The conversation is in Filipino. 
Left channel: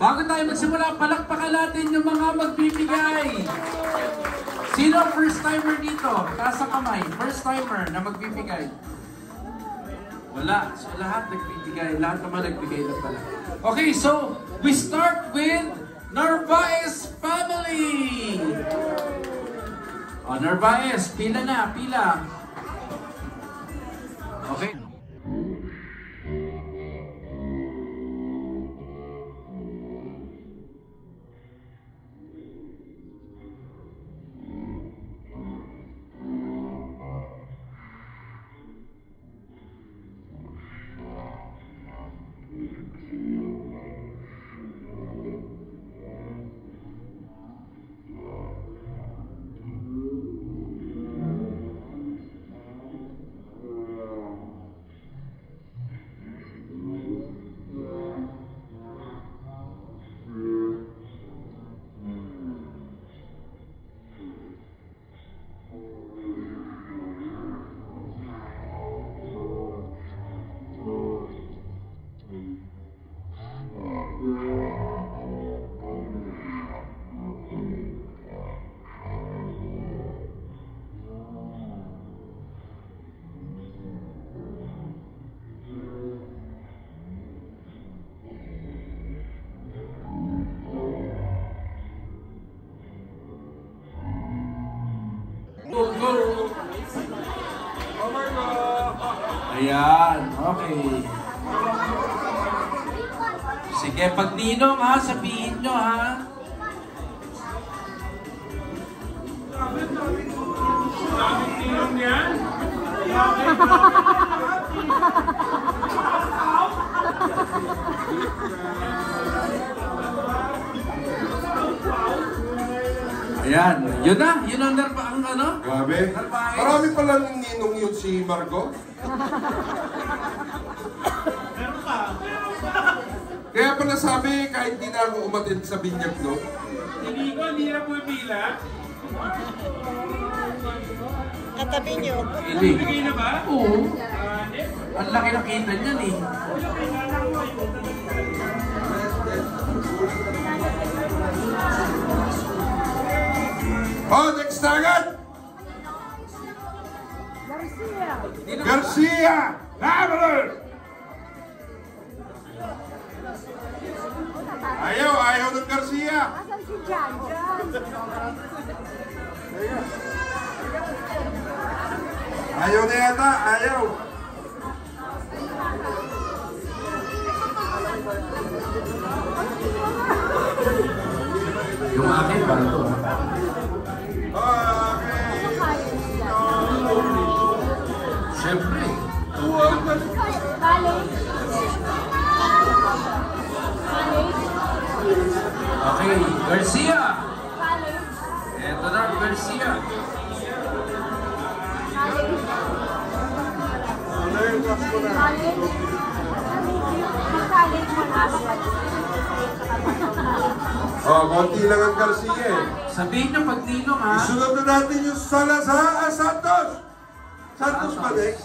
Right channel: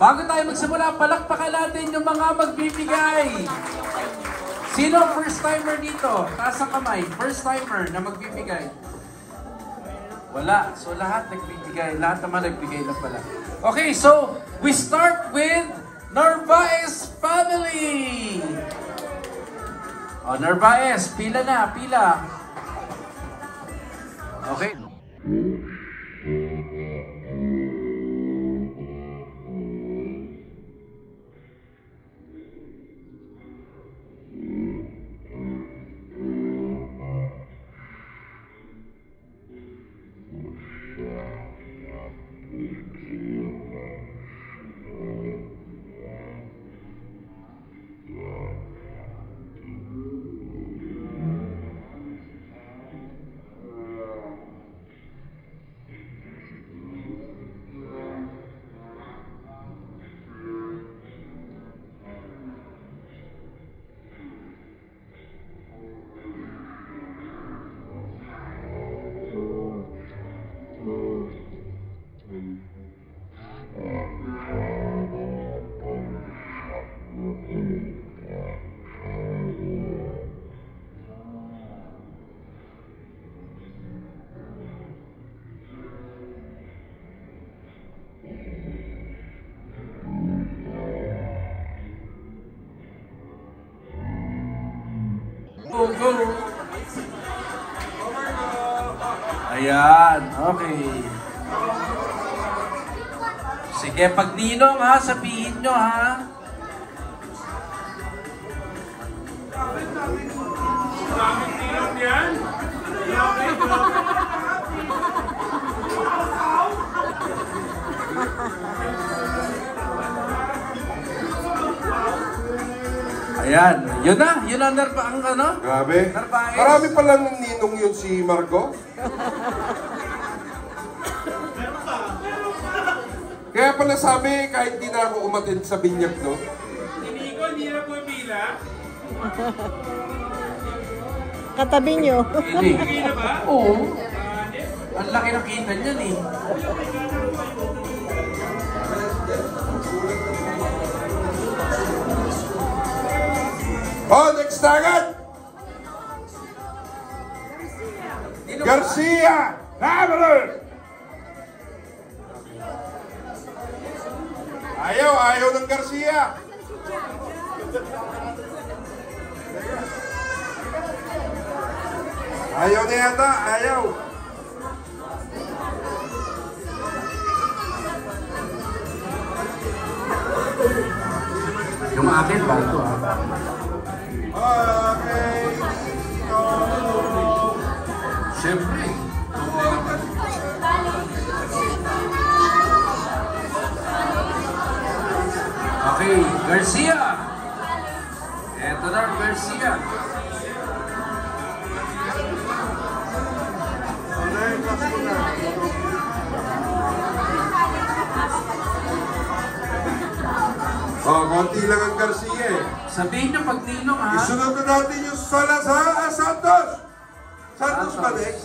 Bago tayo magsimula, palakpakan natin yung mga magbibigay. Sino ang first timer dito? Taas ang kamay. First timer na magbibigay. Wala. So lahat nagbibigay. Lahat naman nagbigay na pala. Okay, so we start with Narvaez family. Narvaez, pila na, pila. Okay. Ayan, okay. Sige, pag ninong ha, sabihin nyo ha. Bakit ninong yan? Ayan, yun na, yun ang ano? Grabe. Narvaez. Marami palang ninong yun si Marco. Kaya pala sabi, kahit di na ako umatid sa binyag, no? Hindi ko, hindi na pumipila. Katabi nyo. Hindi. Hindi na ba? Oo. Ang laki nakita niyan eh. Oh, next target! Garcia! Traveler! Ayaw ng Garcia! Ayaw na yata, ayaw! Yung akin ba ito ha? Siyempre. Okay, Garcia. Eto na, Garcia. Oh, konti lang ang Garcia eh. Sabihin niyo pag ninong ha. Isunod na natin yung Salazar Santos! Santos ba, Dex?